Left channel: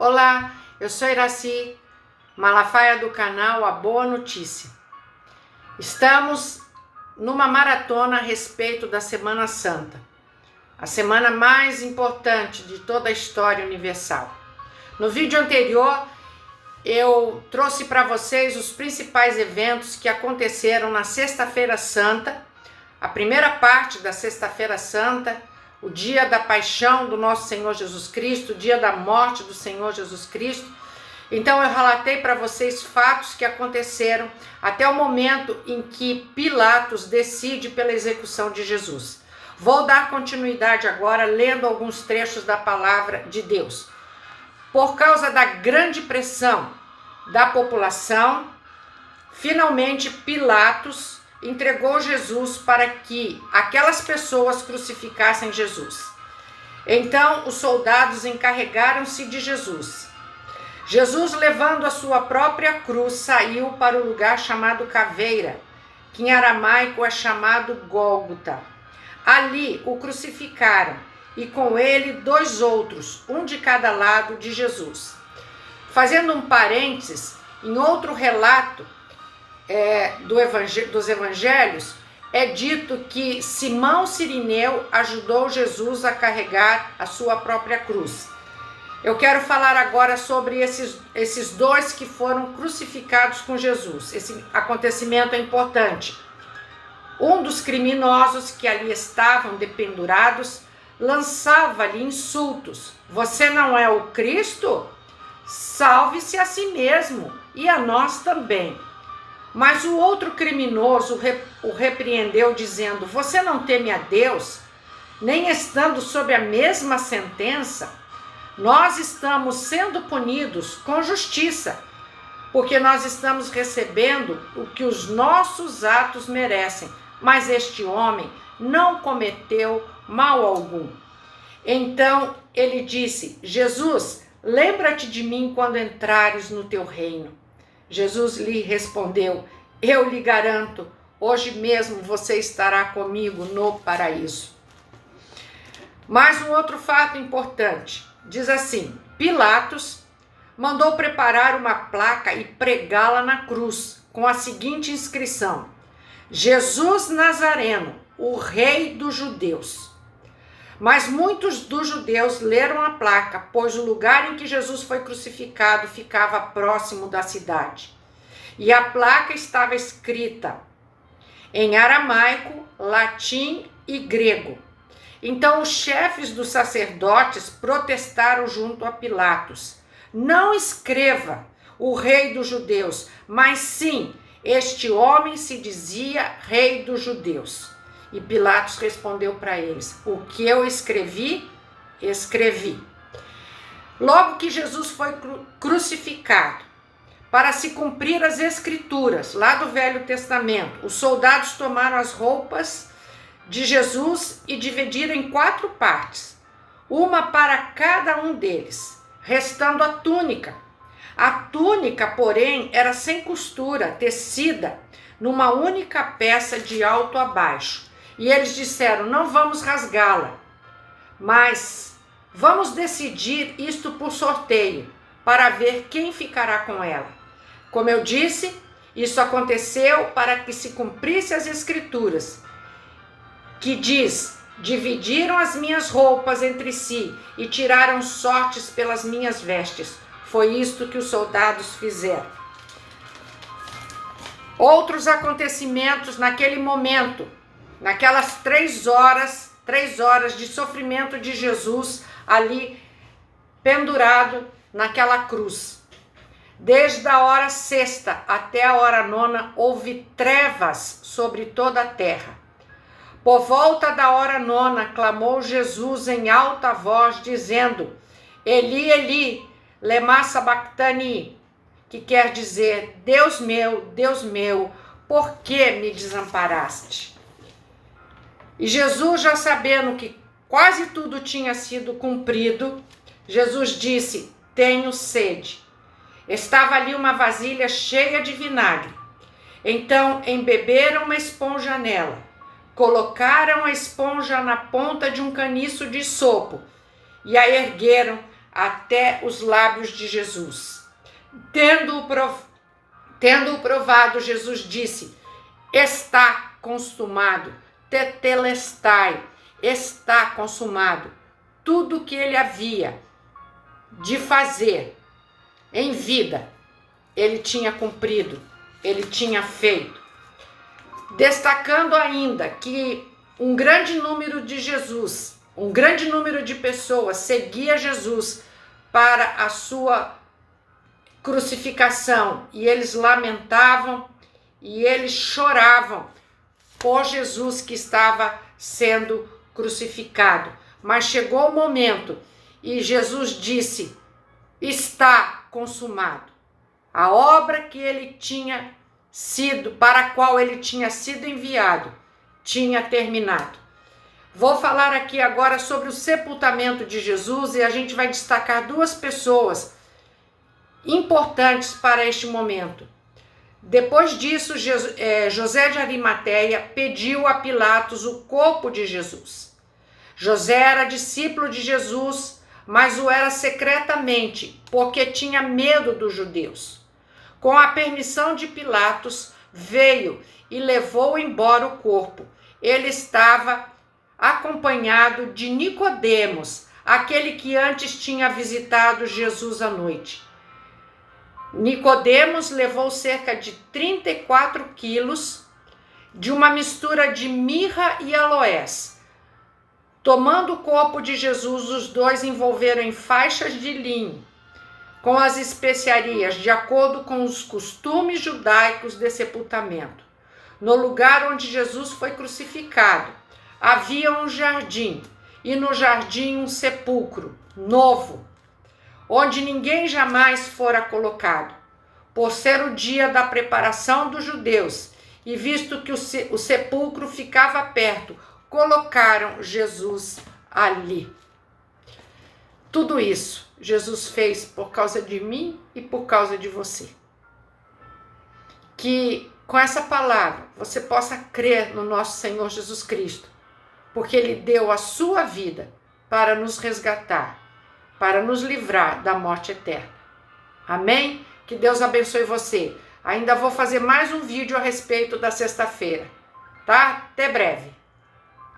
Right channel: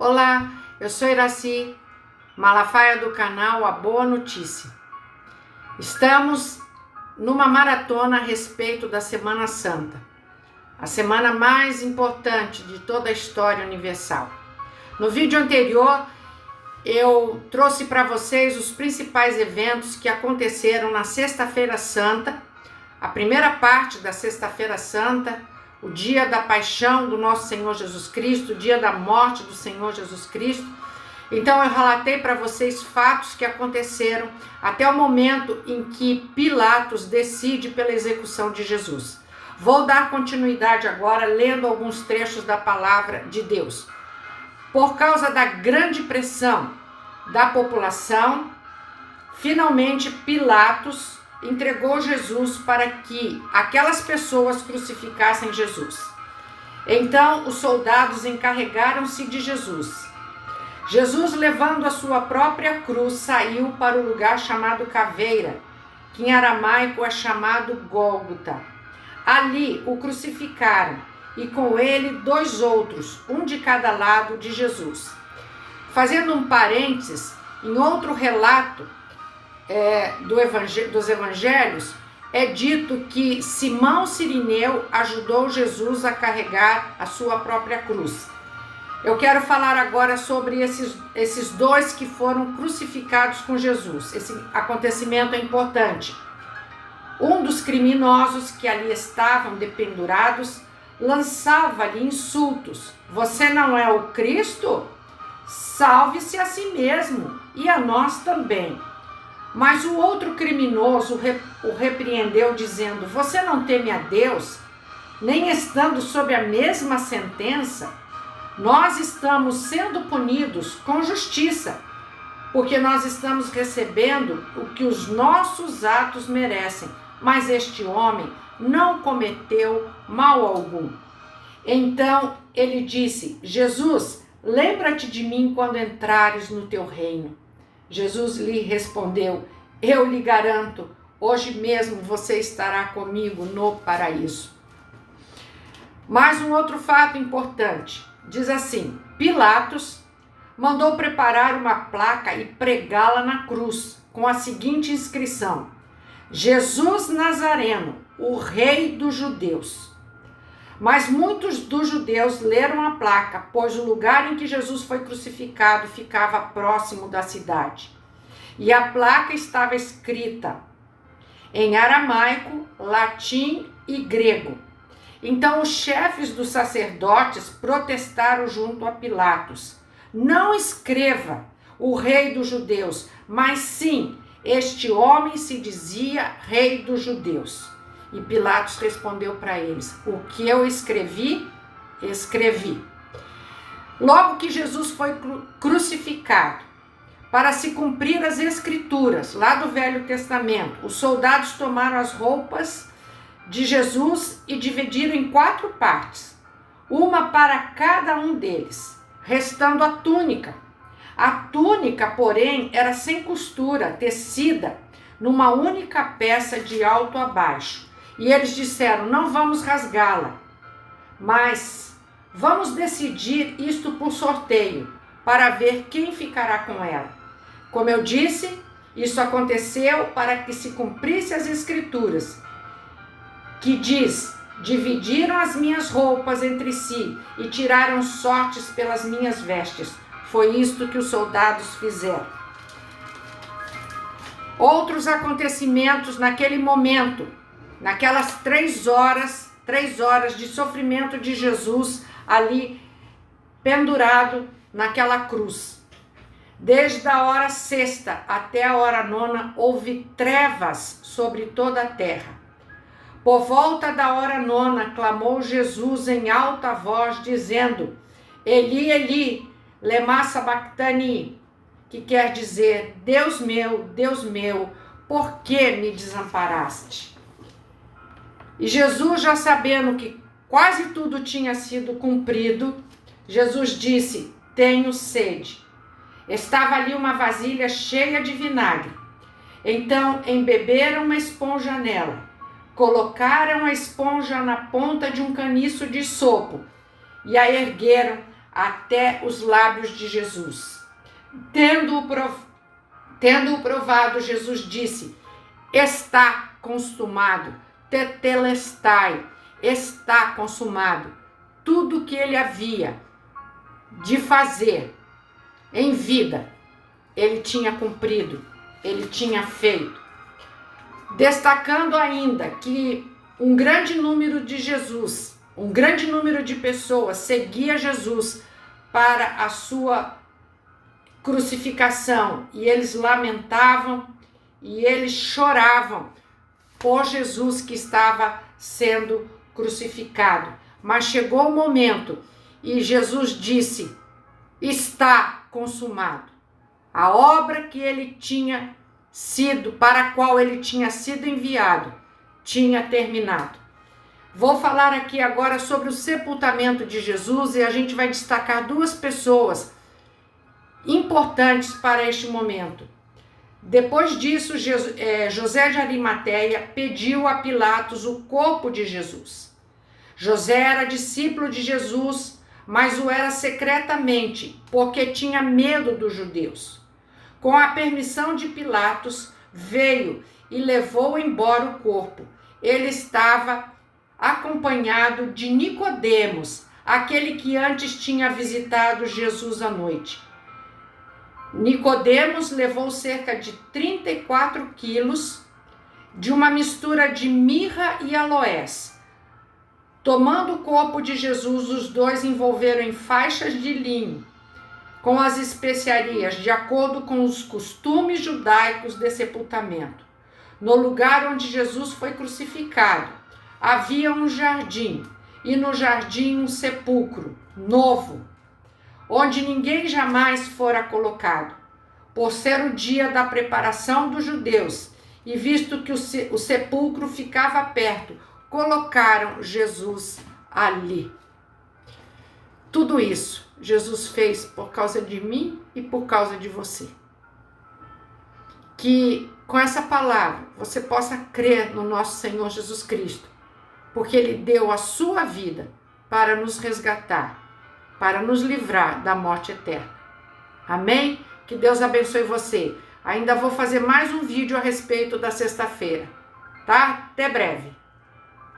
Olá, eu sou Iraci Malafaia do canal A Boa Notícia. Estamos numa maratona a respeito da Semana Santa, a semana mais importante de toda a história universal. No vídeo anterior, eu trouxe para vocês os principais eventos que aconteceram na Sexta-feira Santa, a primeira parte da Sexta-feira Santa, o dia da paixão do nosso Senhor Jesus Cristo, o dia da morte do Senhor Jesus Cristo. Então eu relatei para vocês fatos que aconteceram até o momento em que Pilatos decide pela execução de Jesus. Vou dar continuidade agora lendo alguns trechos da palavra de Deus. Por causa da grande pressão da população, finalmente Pilatos entregou Jesus para que aquelas pessoas crucificassem Jesus. Então os soldados encarregaram-se de Jesus. Jesus, levando a sua própria cruz, saiu para o lugar chamado Caveira, que em aramaico é chamado Gólgota. Ali o crucificaram e com ele 2 outros, um de cada lado de Jesus. Fazendo um parênteses, em outro relato dos evangelhos, é dito que Simão Cirineu ajudou Jesus a carregar a sua própria cruz. Eu quero falar agora sobre esses 2 que foram crucificados com Jesus. Esse acontecimento é importante. Um dos criminosos que ali estavam dependurados lançava-lhe insultos. Você não é o Cristo? Salve-se a si mesmo e a nós também. Mas o outro criminoso o repreendeu, dizendo: você não teme a Deus, nem estando sob a mesma sentença? Nós estamos sendo punidos com justiça, porque nós estamos recebendo o que os nossos atos merecem. Mas este homem não cometeu mal algum. Então ele disse: Jesus, lembra-te de mim quando entrares no teu reino. Jesus lhe respondeu: eu lhe garanto, hoje mesmo você estará comigo no paraíso. Mais um outro fato importante. Diz assim: Pilatos mandou preparar uma placa e pregá-la na cruz, com a seguinte inscrição: Jesus Nazareno, o rei dos judeus. Mas muitos dos judeus leram a placa, pois o lugar em que Jesus foi crucificado ficava próximo da cidade. E a placa estava escrita em aramaico, latim e grego. Então os chefes dos sacerdotes protestaram junto a Pilatos: não escreva o rei dos judeus, mas sim, este homem se dizia rei dos judeus. E Pilatos respondeu para eles: o que eu escrevi, escrevi. Logo que Jesus foi crucificado, para se cumprir as escrituras lá do Velho Testamento, os soldados tomaram as roupas de Jesus e dividiram em 4 partes, uma para cada um deles, restando a túnica. A túnica, porém, era sem costura, tecida numa única peça de alto a baixo. E eles disseram: não vamos rasgá-la, mas vamos decidir isto por sorteio, para ver quem ficará com ela. Como eu disse, isso aconteceu para que se cumprisse as escrituras, que diz: dividiram as minhas roupas entre si e tiraram sortes pelas minhas vestes. Foi isto que os soldados fizeram. Outros acontecimentos naquele momento, naquelas 3 horas de sofrimento de Jesus ali pendurado naquela cruz. Desde a hora 6ª até a hora 9ª houve trevas sobre toda a terra. Por volta da hora 9ª clamou Jesus em alta voz, dizendo: Eli, Eli, lema sabachthani, que quer dizer: Deus meu, por que me desamparaste? E Jesus, já sabendo que quase tudo tinha sido cumprido, Jesus disse: tenho sede. Estava ali uma vasilha cheia de vinagre. Então embeberam uma esponja nela, colocaram a esponja na ponta de um caniço de sopo e a ergueram até os lábios de Jesus. Tendo-o provado, Jesus disse: está consumado, tetelestai, está consumado. Tudo que ele havia de fazer em vida, ele tinha cumprido, ele tinha feito. Destacando ainda que um grande número de pessoas seguia Jesus para a sua crucificação, e eles lamentavam e eles choravam por Jesus que estava sendo crucificado. Mas chegou o momento e Jesus disse: está consumado. A obra que ele tinha sido, para a qual ele tinha sido enviado, tinha terminado. Vou falar aqui agora sobre o sepultamento de Jesus e a gente vai destacar duas pessoas importantes para este momento. Depois disso, José de Arimateia pediu a Pilatos o corpo de Jesus. José era discípulo de Jesus, mas o era secretamente, porque tinha medo dos judeus. Com a permissão de Pilatos, veio e levou embora o corpo. Ele estava acompanhado de Nicodemos, aquele que antes tinha visitado Jesus à noite. Nicodemos levou cerca de 34 quilos de uma mistura de mirra e aloés. Tomando o corpo de Jesus, os dois envolveram em faixas de linho com as especiarias, de acordo com os costumes judaicos de sepultamento. No lugar onde Jesus foi crucificado, havia um jardim, e no jardim um sepulcro novo, onde ninguém jamais fora colocado. Por ser o dia da preparação dos judeus, e visto que o sepulcro ficava perto, colocaram Jesus ali. Tudo isso Jesus fez por causa de mim e por causa de você. Que com essa palavra você possa crer no nosso Senhor Jesus Cristo, porque Ele deu a sua vida para nos resgatar, para nos livrar da morte eterna. Amém? Que Deus abençoe você. Ainda vou fazer mais um vídeo a respeito da sexta-feira, tá? Até breve.